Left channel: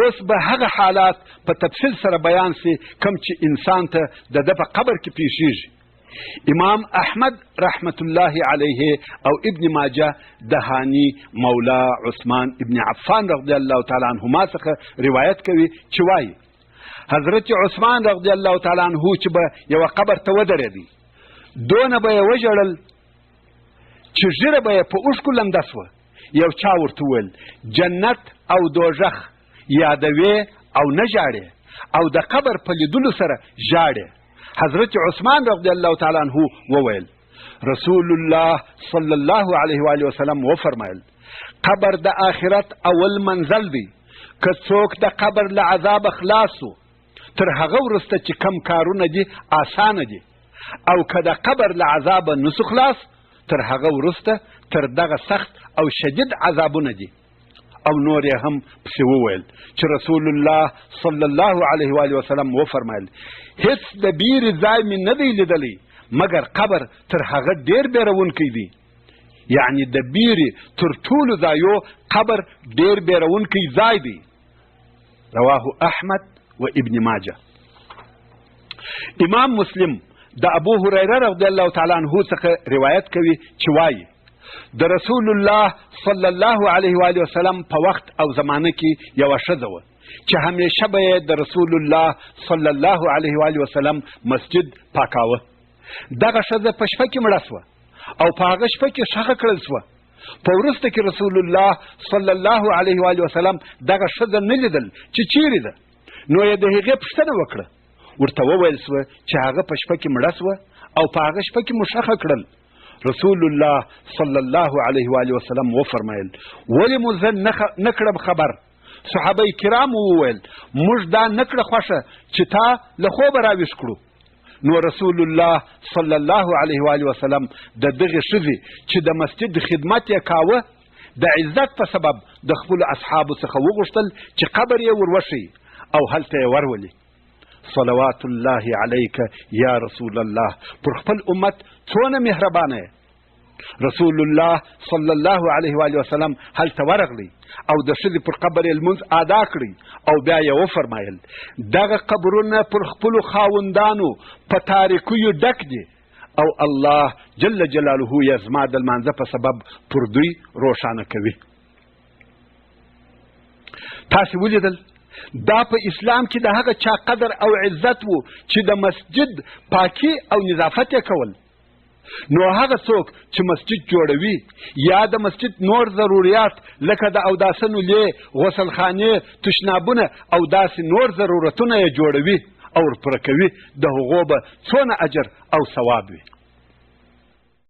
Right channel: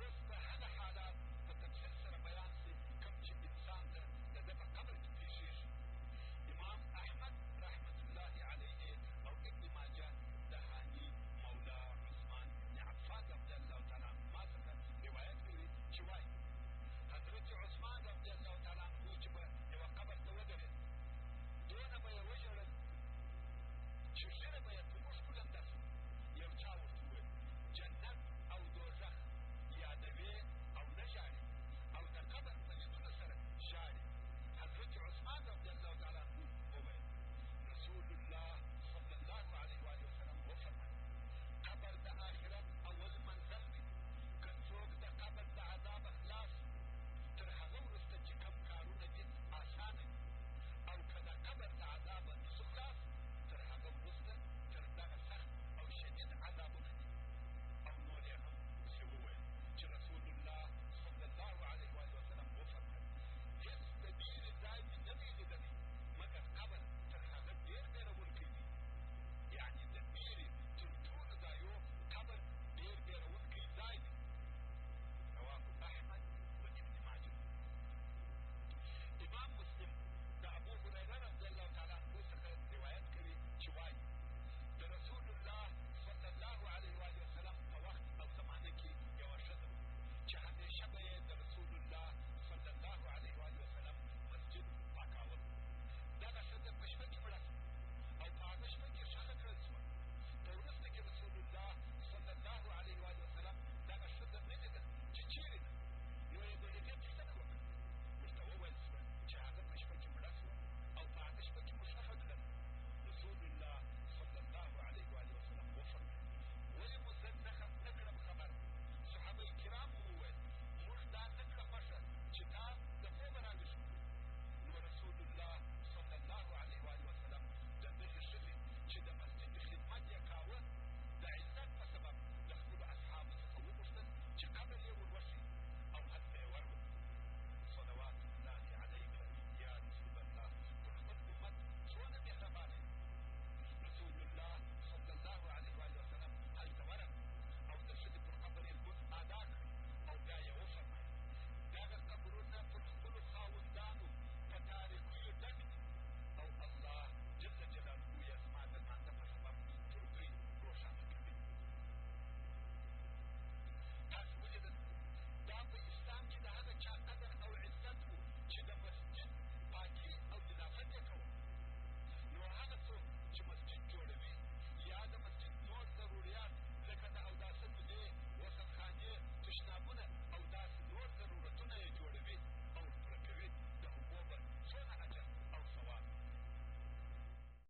اوس به هغه حالات په تفصیل سره بیان سي کوم چې انسان ته د ده په قبر کې پیښیږي. امام احمد رحمت الله علیه او ابن ماجه د هانی مولا عثمان ابن عفان رضی الله تعالی عنهما څخه روایت کوي چې وایي حضرت عثمان رضی الله تعالی عنه چې به یوه قبر ته ودرېدی، دونه به یې وژړل چې ژیره به یې په اوښکو لمده سوه. یو چا ورته وویل جنت او دوژخ یادوې او نه ژاړې او د قبر په لیدلو سره ژاړې. حضرت عثمان رضی الله تعالی عنه وویل رسول الله صلی الله علیه و آله وسلم وفرمایل قبر د آخرت اول منزل دی، که څوک د قبر له عذاب خلاص و تر هغه وروسته چې کم کارونه دي آسانه دي، او که د قبر له عذاب نسو خلاص تر هغه وروسته تر دغه سخت او شدید عذابونه دي. او نور یې هم پسې وویل چې رسول الله صلی الله علیه و آله وسلم وفرمایل هیڅ د بیرې ځای مې نه دی لیدلی مګر قبر تر هغه ډېر بیرونکی دی. یعنی د بیرې تر ټولو ځایو قبر ډېر بیرونکی ځای دی. رواه احمد و ابن ماجه. امام مسلم د ابو هریره رضی الله تعالی عنه څخه روایت کوي چې وایي د رسول الله صلی الله علیه و آله وسلم په وخت او زمانه کې یوه ښځه وه چې همیشه به یې د رسول الله صلی الله علیه و آله وسلم مسجد پاکاوه. دغه ښځه په شپه کې مړه سوه او په هغه شپه کې ښخه کړل سوه. په وروسته کې رسول الله صلی الله علیه و آله وسلم دغه ښځه نه لیدل چې چیرې ده، نو یې د هغې پوښتنه وکړه. ورته وویل سوه چې هغه په شپه کې مړه سوه او په هغه شپه کې مو ښخه کړل. رسول الله صلی الله علیه و آله وسلم وفرمایل ولې مو زه نه کړم خبر؟ صحابه کرام وویل موږ دا نه کړه خوښه چې تا له خوبه راویښ کړو. نو رسول الله صلی الله علیه و آله وسلم د دغې ښځې چې د مسجد خدمت یې کاوه د عزت په سبب د خپلو اصحابو څخه وغوښتل چې قبر یې وروښیي او هلته یې ورولي. صلوات الله علیک یا رسول الله، پر خپل امت څونه مهربانه یې. رسول الله صلی الله علیه و آله وسلم هلته ورغلی او د ښځې پر قبر یې لمونځ ادا کړی او بیا یې وفرمایل دغه قبرونه پر خپلو خاوندانو په تاریکیو ډک دي او الله جل جلاله یې زما د لمانځه په سبب پر دوی روښانه کوي. تاسې ولیدل دا په اسلام کې د هغه چا قدر او عزت و چې د مسجد پاکي او نظافت یې کول. نو هغه څوک چې مسجد جوړوي یا د مسجد نور ضروریات لکه د اوداسه نولې، غسلخانې، تشنابونه او داسې نور ضرورتونه یې جوړوي او ورپوره کوي، د هغو به څونه اجر او ثواب وي.